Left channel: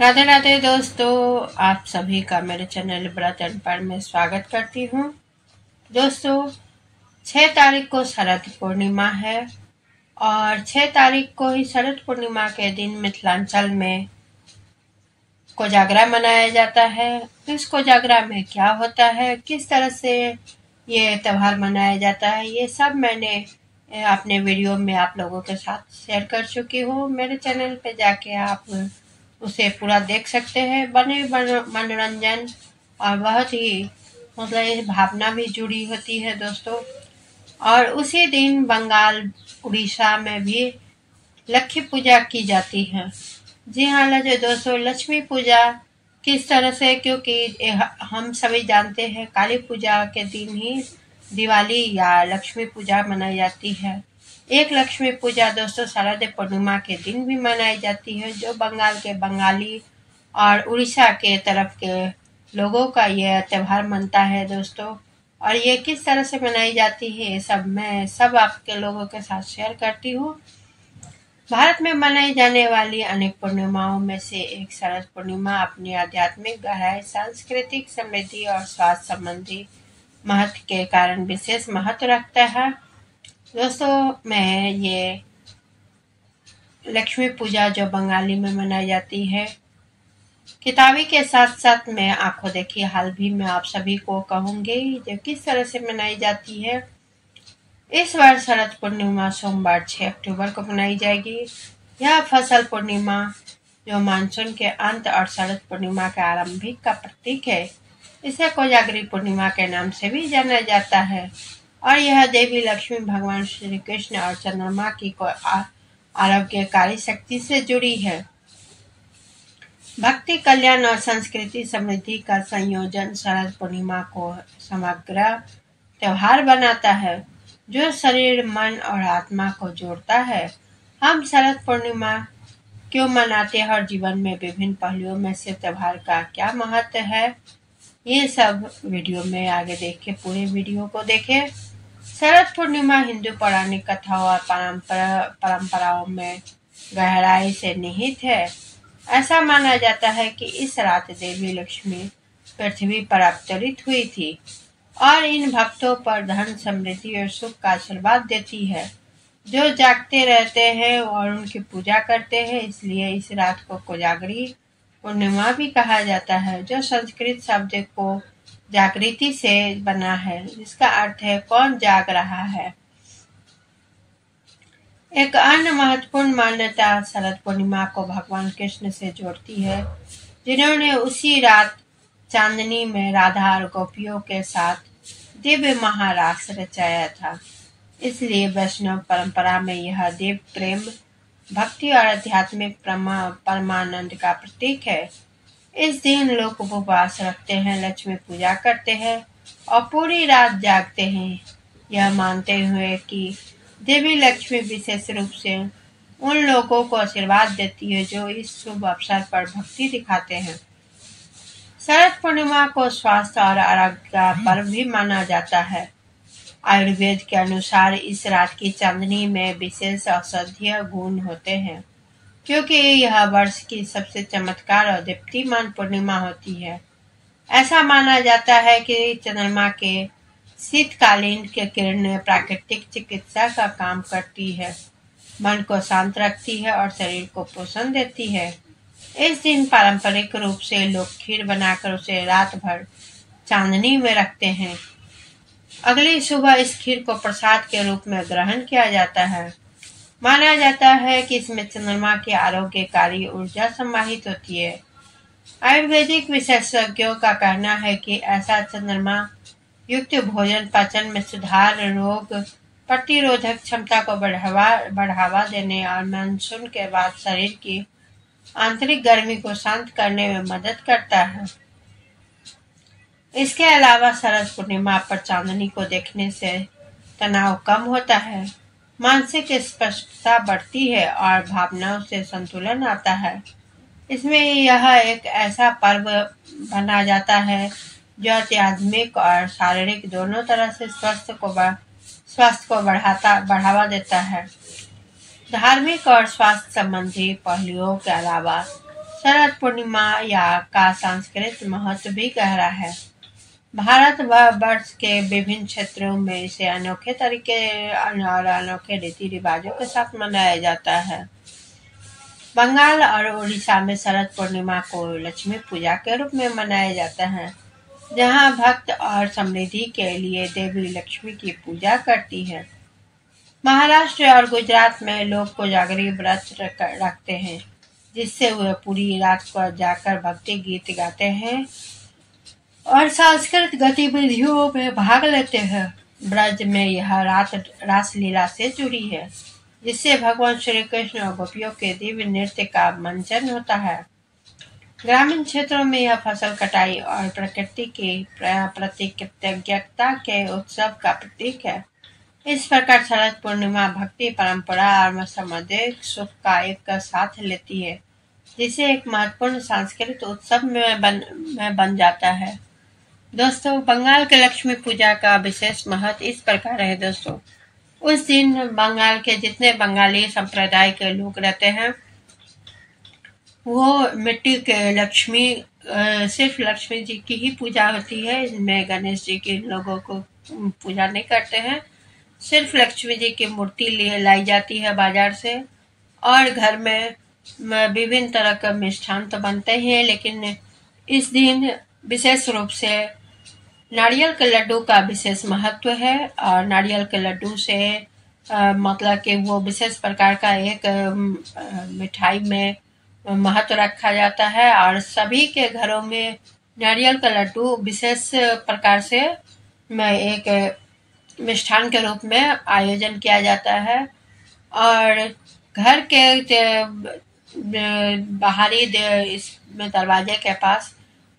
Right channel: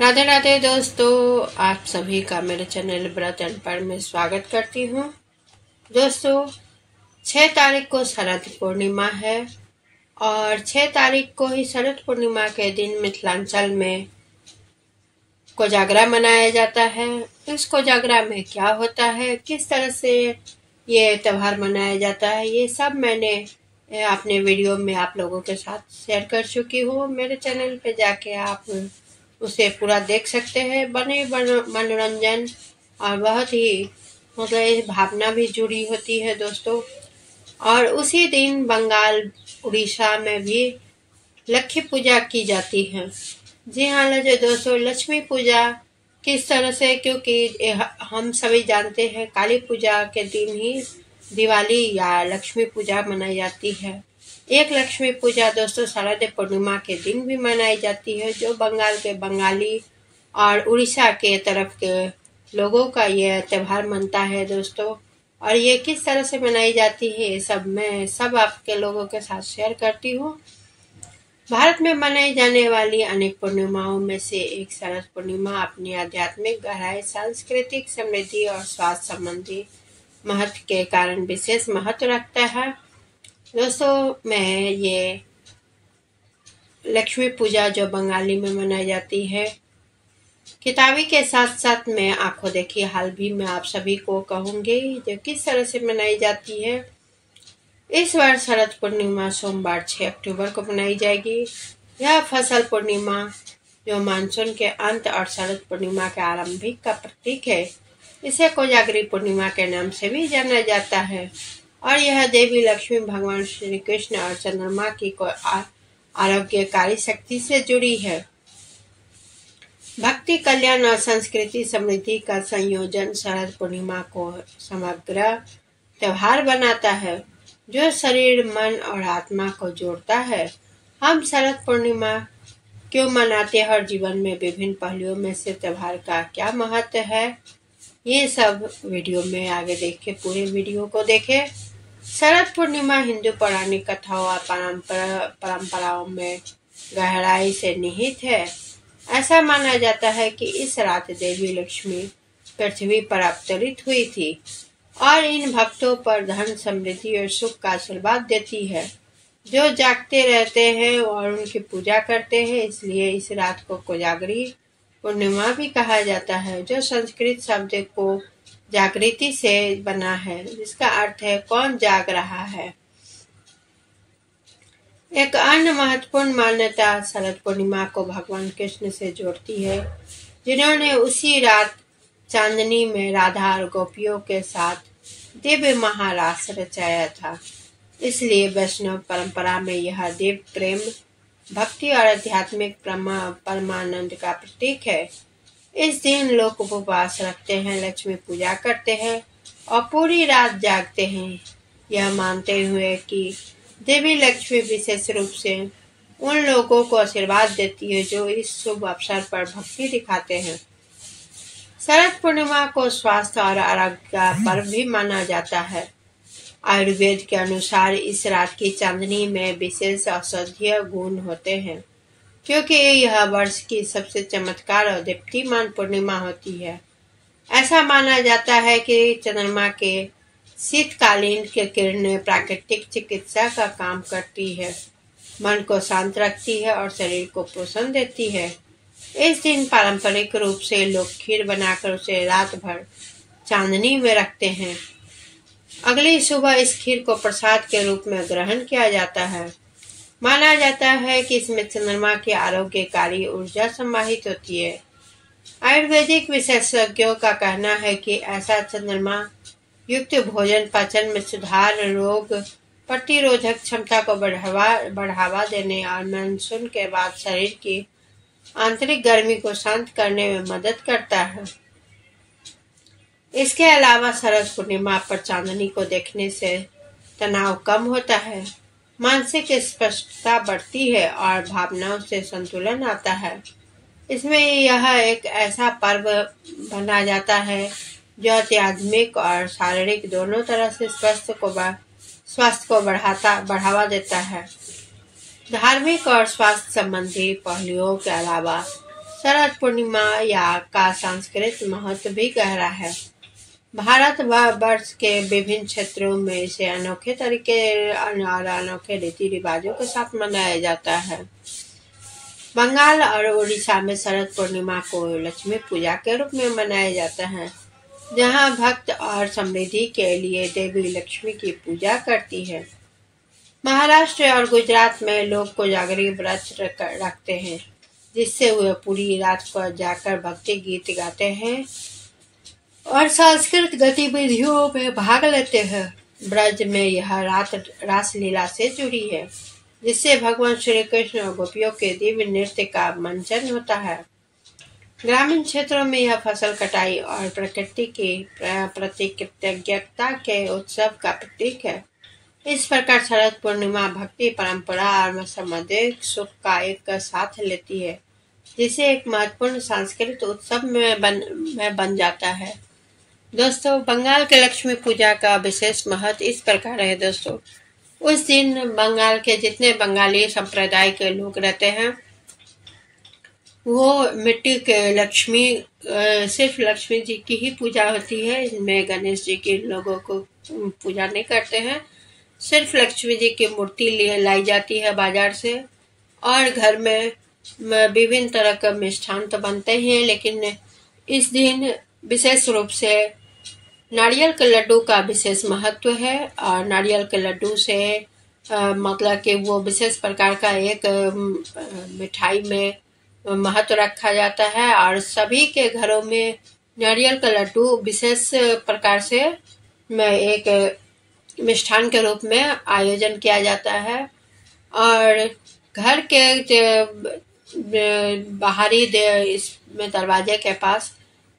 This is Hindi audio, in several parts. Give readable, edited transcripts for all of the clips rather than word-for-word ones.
राधे राधे दोस्तों, आप सभी का मेरे चैनल व्रत एंड पर में स्वागत करती हूँ। दोस्तों, 6 तारीख को शरद पूर्णिमा है और 6 तारीख को ही शरद पूर्णिमा के दिन मिथिलांचल में कोजागरा मनाया जाता है। इस कोजागरा में क्या होता है, किस तरह से ये त्योहार मनाया जाता है, ये सब मैंने अपने वीडियो में आप लोगों के साथ शेयर कर चुकी हूँ। मेरे चैनल पे जाके आप उसे पूरा देख सकते हैं। बने मनोरंजन और बहुत ही मतलब भावना भी जुड़ी होती है दोस्तों। और उसी दिन बंगाल उड़ीसा में भी लक्ष्मी पूजा की जाती है। जी हाँ दोस्तों, लक्ष्मी पूजा किस तरह से, क्योंकि हम सभी जानते हैं काली पूजा के दिन ही दिवाली या लक्ष्मी पूजा मनाई जाती है। एक लक्ष्मी पूजा दोस्तों शरद पूर्णिमा के दिन भी मनाई जाती है, जो बंगाल के बंगाली और उड़ीसा के तरफ के लोगों का यह त्योहार मनता है दोस्तों। और ये किस तरह से मनाई जाती है, ये सब मैं सब आपके लोगों के साथ शेयर करती हूँ। भारत में मनाई जाने वाली अनेक पूर्णिमाओं में से एक शरद पूर्णिमा अपनी आध्यात्मिक गहराई, सांस्कृतिक समृद्धि और स्वास्थ्य संबंधी महत्व के कारण विशेष महत्व रखता है। दोस्तों, मैं ये लक्ष्मी पूजा जो बंगाली में मनाई जाती है, किताबी के साथ साथ मैं आंखों देखी हाल भी मैं आप सभी को कहूंगी जो किस तरह से मनाई जाती है। इस बार शरद पूर्णिमा सोमवार 6 अक्टूबर को मनाई जाएगी। यह फसल पूर्णिमा जो मानसून के अंत और शरद पूर्णिमा के आरंभिक का प्रतीक है। इसे कोजागरी पूर्णिमा के नाम से भी जाना जाता है और यह देवी लक्ष्मी, भगवान श्री कृष्ण और चंद्रमा की आरोग्यकारी शक्ति से जुड़ी है। भक्ति, कल्याण और संस्कृति समृद्धि का संयोजन शरद पूर्णिमा को समग्र त्योहार बनाता है जो शरीर, मन और आत्मा को जोड़ता है। हम शरद पूर्णिमा क्यों मनाते हैं और जीवन में विभिन्न पहलुओं में से त्योहार का क्या महत्व है, ये सब वीडियो में आगे देखें। पूरे वीडियो को देखें। शरद पूर्णिमा हिंदू पौराणिक कथाओं और परंपराओं में गहराई से निहित है। ऐसा माना जाता है कि इस रात देवी लक्ष्मी पृथ्वी पर अवतरित हुई थी और इन भक्तों पर धन, समृद्धि और सुख का आशीर्वाद देती है जो जागते रहते हैं और उनकी पूजा करते हैं। इसलिए इस रात को कोजागरी पूर्णिमा भी कहा जाता है, जो संस्कृत शब्द को जागृति से बना है, जिसका अर्थ है कौन जाग रहा है। एक अन्य महत्वपूर्ण मान्यता शरद पूर्णिमा को भगवान कृष्ण से जोड़ती है, जिन्होंने उसी रात चांदनी में राधा और गोपियों के साथ दिव्य महारास रचाया था। इसलिए वैष्णव परंपरा में यह दिव्य प्रेम, भक्ति और आध्यात्मिक परमानंद का प्रतीक है। इस दिन लोग उपवास रखते हैं, लक्ष्मी पूजा करते हैं और पूरी रात जागते हैं, यह मानते हुए कि देवी लक्ष्मी विशेष रूप से उन लोगों को आशीर्वाद देती है जो इस शुभ अवसर पर भक्ति दिखाते हैं। शरद पूर्णिमा को स्वास्थ्य और आरोग्य का पर्व भी माना जाता है। आयुर्वेद के अनुसार इस रात की चांदनी में विशेष औषधीय गुण होते हैं, क्योंकि यह वर्ष की सबसे चमत्कार और दीप्तिमान पूर्णिमा होती है। ऐसा माना जाता है कि चंद्रमा के शीतकालीन की किरणें प्राकृतिक चिकित्सा का काम करती है, मन को शांत रखती है और शरीर को पोषण देती है। इस दिन पारंपरिक रूप से लोग खीर बनाकर उसे रात भर चांदनी में रखते हैं। अगली सुबह इस खीर को प्रसाद के रूप में ग्रहण किया जाता है। माना जाता है कि इसमें चंद्रमा की आरोग्यकारी ऊर्जा समाहित होती है। आयुर्वेदिक विशेषज्ञों का कहना है कि ऐसा चंद्रमा युक्त भोजन पाचन में सुधार, रोग प्रतिरोधक क्षमता को बढ़ावा देने और मानसून के बाद शरीर की आंतरिक गर्मी को शांत करने में मदद करता है। इसके अलावा शरद पूर्णिमा पर चांदनी को देखने से तनाव कम होता है, मानसिक स्पष्टता बढ़ती है और भावनाओं से संतुलन आता है। इसमें यह एक ऐसा पर्व बना जाता है जो आध्यात्मिक और शारीरिक दोनों तरह से स्वास्थ्य को बढ़ावा देता है। धार्मिक और स्वास्थ्य संबंधी पहलुओं के अलावा शरद पूर्णिमा का सांस्कृतिक महत्व भी गहरा है। भारत वर्ष के विभिन्न क्षेत्रों में इसे अनोखे तरीके और अनोखे रीति रिवाजों के साथ मनाया जाता है। बंगाल और उड़ीसा में शरद पूर्णिमा को लक्ष्मी पूजा के रूप में मनाया जाता है, जहां भक्त और समृद्धि के लिए देवी लक्ष्मी की पूजा करती है। महाराष्ट्र और गुजरात में लोग कोजागरी व्रत रखते हैं, जिससे वे पूरी रात को जाकर भक्ति गीत गाते हैं और सांस्कृतिक गतिविधियों में भाग लेते हैं। ब्रज में यह रात रासलीला से जुड़ी है, जिससे भगवान श्री कृष्ण और गोपियों के दिव्य नृत्य का मंचन होता है। ग्रामीण क्षेत्रों में यह फसल कटाई और प्रकृति की प्रति कृतज्ञता के उत्सव का प्रतीक है। इस प्रकार शरद पूर्णिमा भक्ति, परंपरा और सामाजिक सुख का एक साथ लेती है, जिसे एक महत्वपूर्ण सांस्कृतिक उत्सव में बन जाता है। दोस्तों, बंगाल के लक्ष्मी पूजा का विशेष महत्व इस प्रकार है। दोस्तों, उस दिन बंगाल के जितने बंगाली संप्रदाय के लोग रहते हैं, वो मिट्टी के लक्ष्मी, सिर्फ लक्ष्मी जी की ही पूजा होती है। इसमें गणेश जी के लोगों को पूजा नहीं करते हैं। सिर्फ लक्ष्मी जी की मूर्ति लाई जाती है बाजार से, और घर में विभिन्न तरह का मिष्ठान तो बनते हैं, लेकिन इस दिन विशेष रूप से नारियल के लड्डू का विशेष महत्व है। और नारियल के लड्डू से मतलब कि वो विशेष प्रकार का एक मिठाई में महत्व रखा जाता है, और सभी के घरों में नारियल का लड्डू विशेष प्रकार से एक मिष्ठान के रूप में आयोजन किया जाता है। और घर के बाहरी इसमें दरवाजे के पास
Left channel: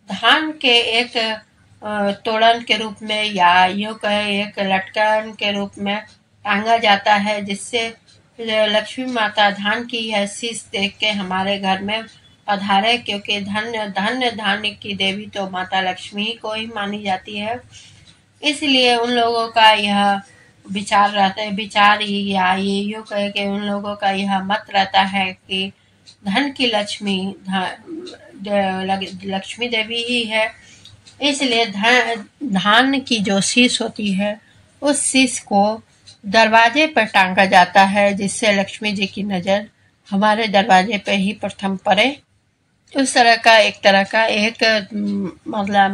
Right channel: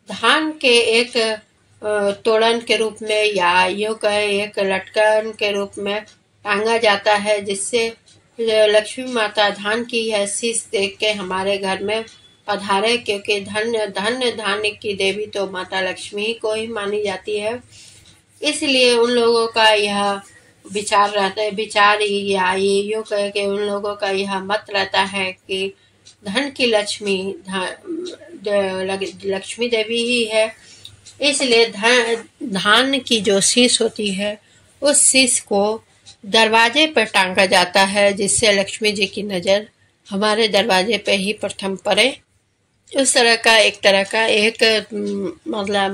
धान के एक तोड़न के रूप में, या यूं कहे एक लटकन के रूप में टांगा जाता है, जिससे लक्ष्मी माता धान की यह शीश देख के हमारे घर में पधारे, क्योंकि धन्य धान्य की देवी तो माता लक्ष्मी को ही मानी जाती है। इसलिए उन लोगों का यह विचार रहता है, विचार या ये यूं कहे कि उन लोगों का यह मत रहता है कि धन की लक्ष्मी लक्ष्मी देवी ही है। इसलिए धान की जो शीश होती है, उस शीश को दरवाजे पर टांगा जाता है, जिससे लक्ष्मी जी की नज़र हमारे दरवाजे पे ही प्रथम पड़े। उस तरह का एक मतलब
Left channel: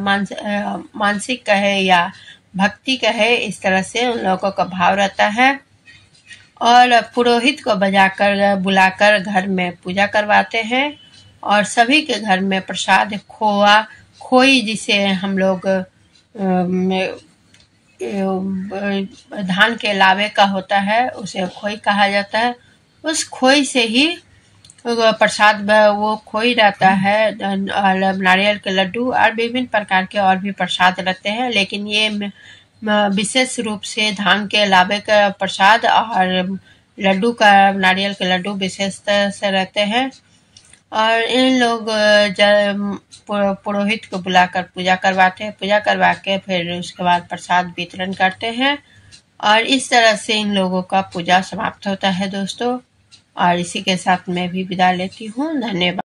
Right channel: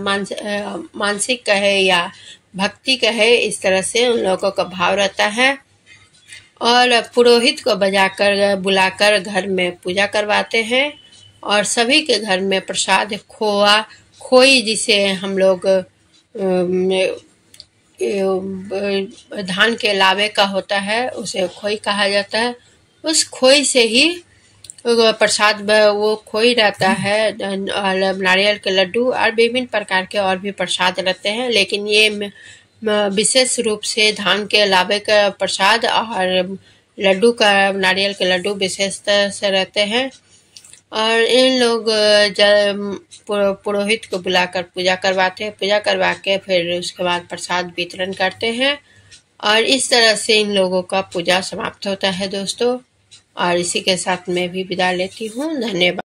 मानसिक कहे या भक्ति कहे, इस तरह से उन लोगों का भाव रहता है। और पुरोहित को बुलाकर घर में पूजा करवाते हैं, और सभी के घर में प्रसाद खोई, जिसे हम लोग धान के लावे का होता है, उसे खोई कहा जाता है। उस खोई से ही प्रसाद वो खोई रहता है। नारियल के लड्डू और विभिन्न प्रकार के और भी प्रसाद रहते हैं, लेकिन ये विशेष रूप से धान के लावे का प्रसाद और लड्डू का, नारियल के लड्डू विशेषता से रहते हैं। और इन लोग पुरोहित को बुलाकर पूजा करवाते हैं, पूजा करवा के फिर उसके बाद प्रसाद वितरण करते हैं, और इस तरह से इन लोगों का पूजा समाप्त होता है। दोस्तों, और इसी के साथ मैं भी विदा लेती हूँ। धन्यवाद।